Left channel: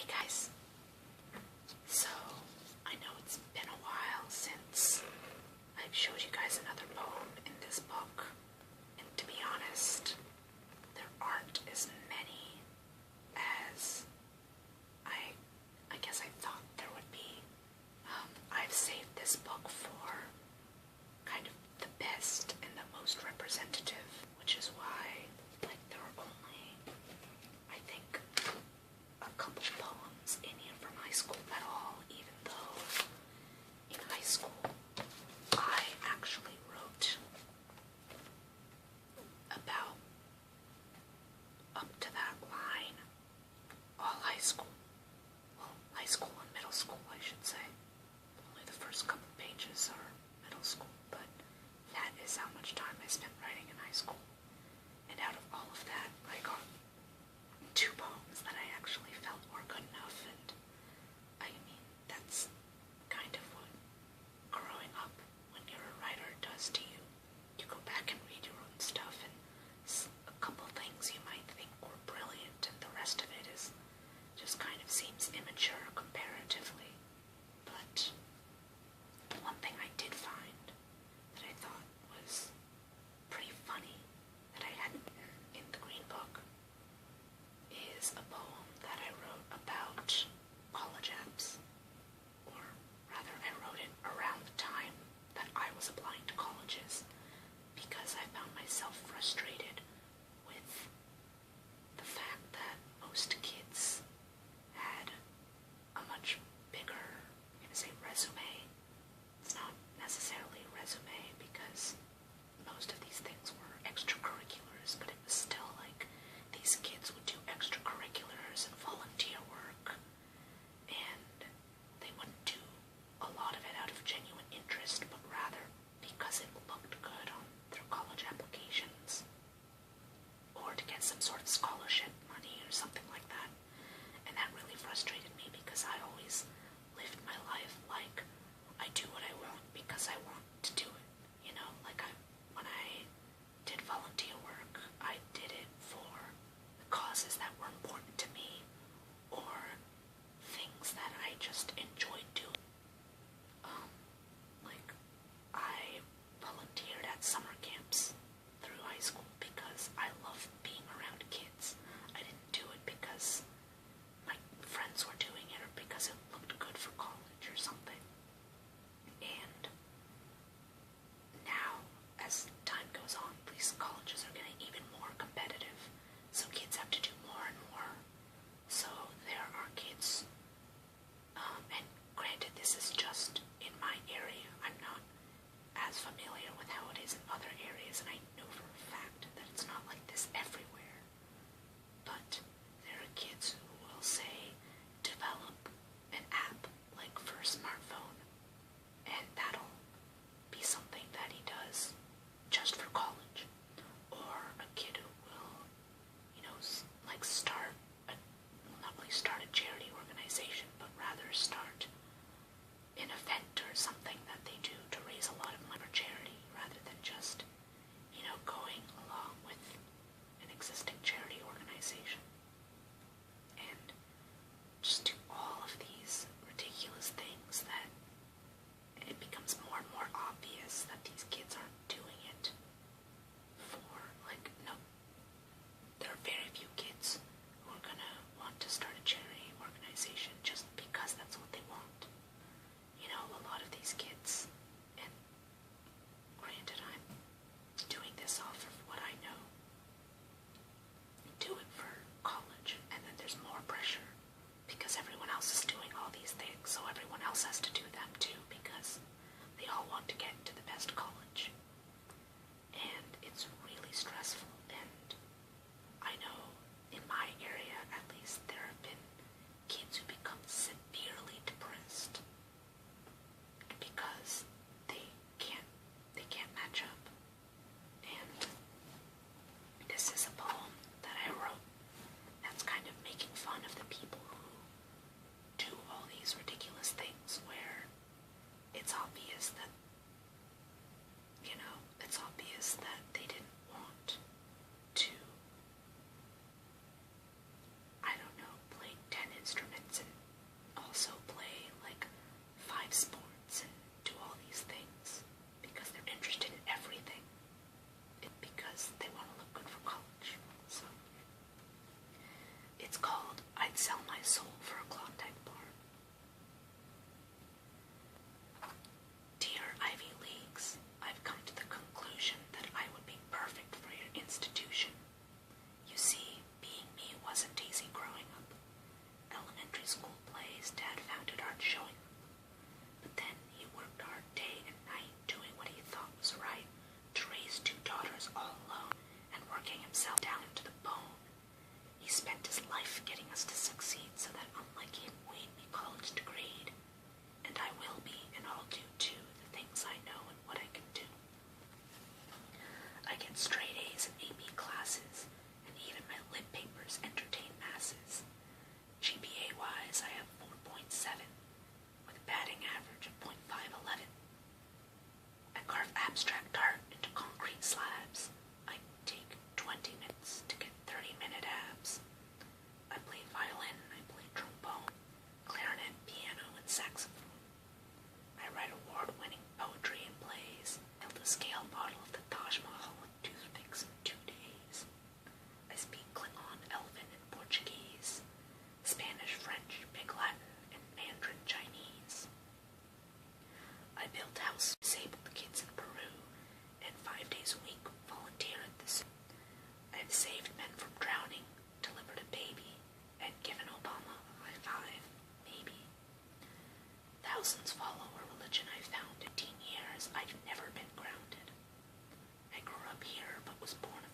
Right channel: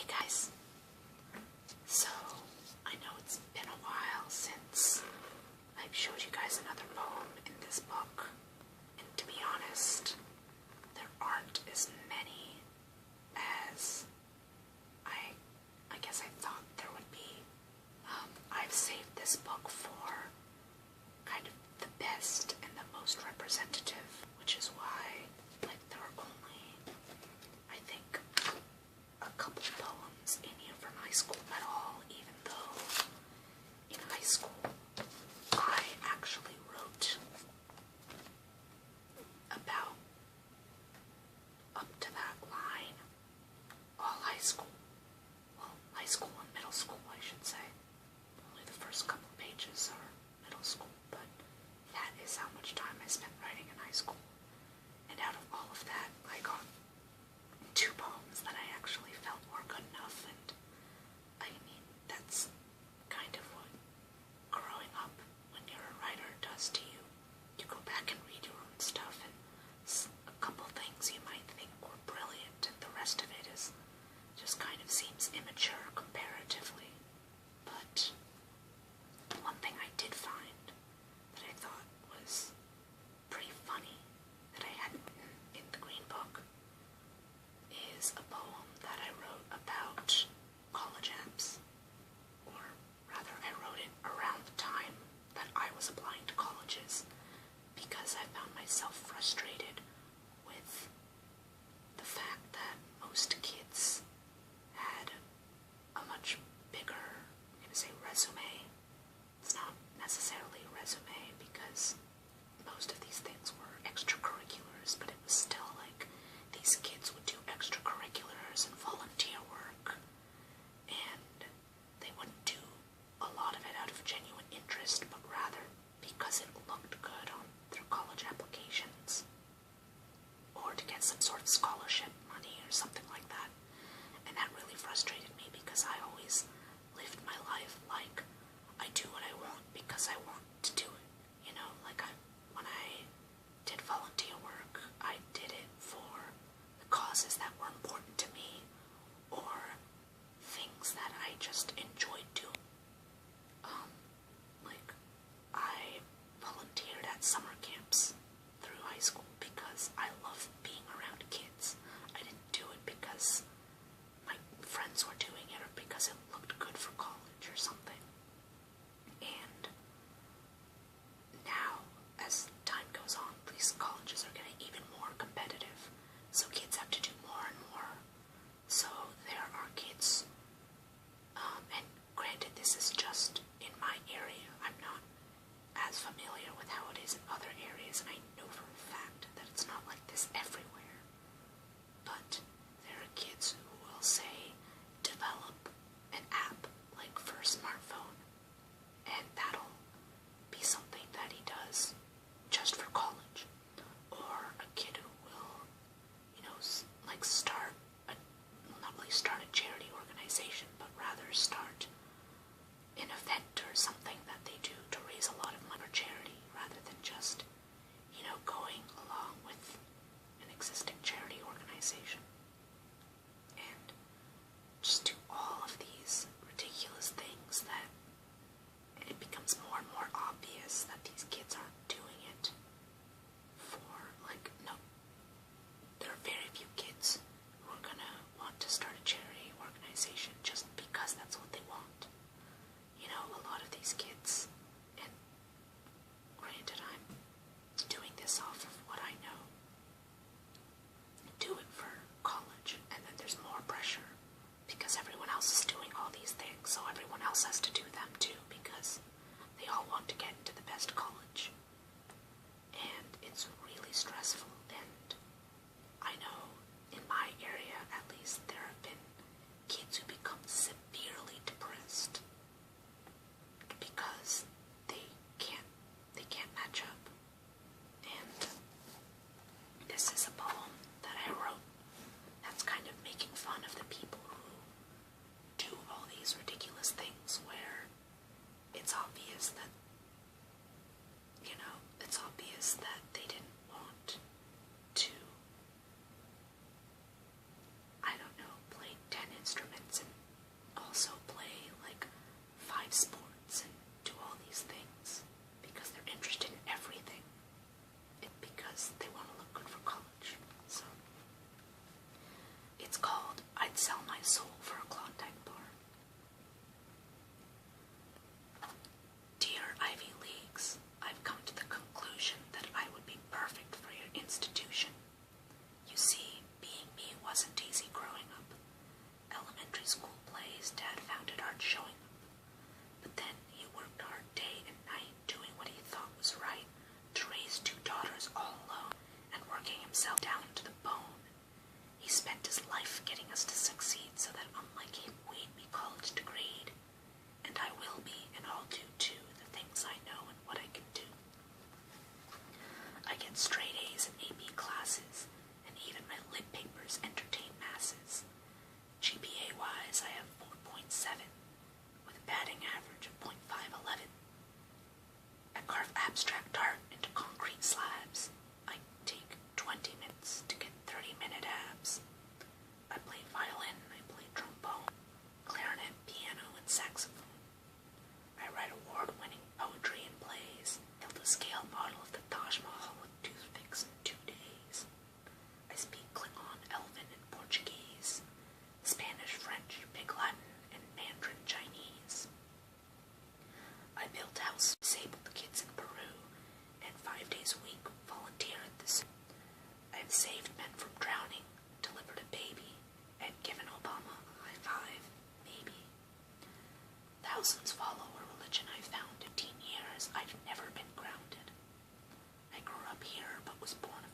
Hey guys, so I know it's been a while since I've showed you guys another poem in this book, and to be honest, there aren't as many as I guess I thought there would be. I've saved this book for kind of the best and the most representative, which is why, there are only, I think, a couple poems in here from high school at all, even though in high school I actually wrote about up to that line all high school. Well, high school and middle school, I should say. Only the first couple pages are middle school, but that is how much time I spent writing in high school. And out of all of that, I got 2 poems that I actually felt were good enough, and I mean, that's kind of what growing up when you're a writer does to you. You go back and read your own stuff, and a couple things you might think were brilliant, and the rest of it is just kind of seems immature comparatively. But one thing I did find that I thought was pretty funny that I hadn't written in the Green Book is a poem that I wrote about college apps. Or rather, I wrote it around the time that I was applying to colleges because I found myself frustrated with the fact that most kids had a much bigger, I'm going to say resume. It's not necessarily a resume because most of these things were extracurriculars, but it was still like these kids would do extracurriculars and volunteer work, and they wouldn't do a lot of it out of genuine interest, but rather because it looked good on their college applications. It's called I'd Sell My Soul for a Klondike Bar. Dear Ivy Leagues, I've come to the conclusion that I would be perfect for your institution. You see, being me wasn't easy growing up. Elementary school plays, Dad found it hard showing up. But then he worked hard day and night doing what he thought was right to raise 2 daughters all alone and working himself down to the bone. He spent his life getting us to succeed so that unlike him we'd be college degreed. And I will be, and I'll do too, the things I know and what I can do. I get straight A's in AP classes, and even my lit papers entertain masses. GPA-wise, I have 4.7, with a batting average of .511. I carve abstract art into concrete slabs. I take 20 minutes to get 30-minute abs. I play violin, I play trombone, clarinet, piano, and saxophone. I write award-winning poetry and plays, built a scale model of the Taj Mahal with toothpicks in 2 days. I speak Klingon, Elven, and Portuguese, Spanish, French, Pig Latin, and Mandarin Chinese. I built houses for disabled kids in Peru, and 5 days a week volunteer at the zoo. I've saved men from drowning, delivered a baby, and given Obama a high five, maybe. Thousands follow a religion I found in 10 years. I've never been grounded. I grew up here but was born a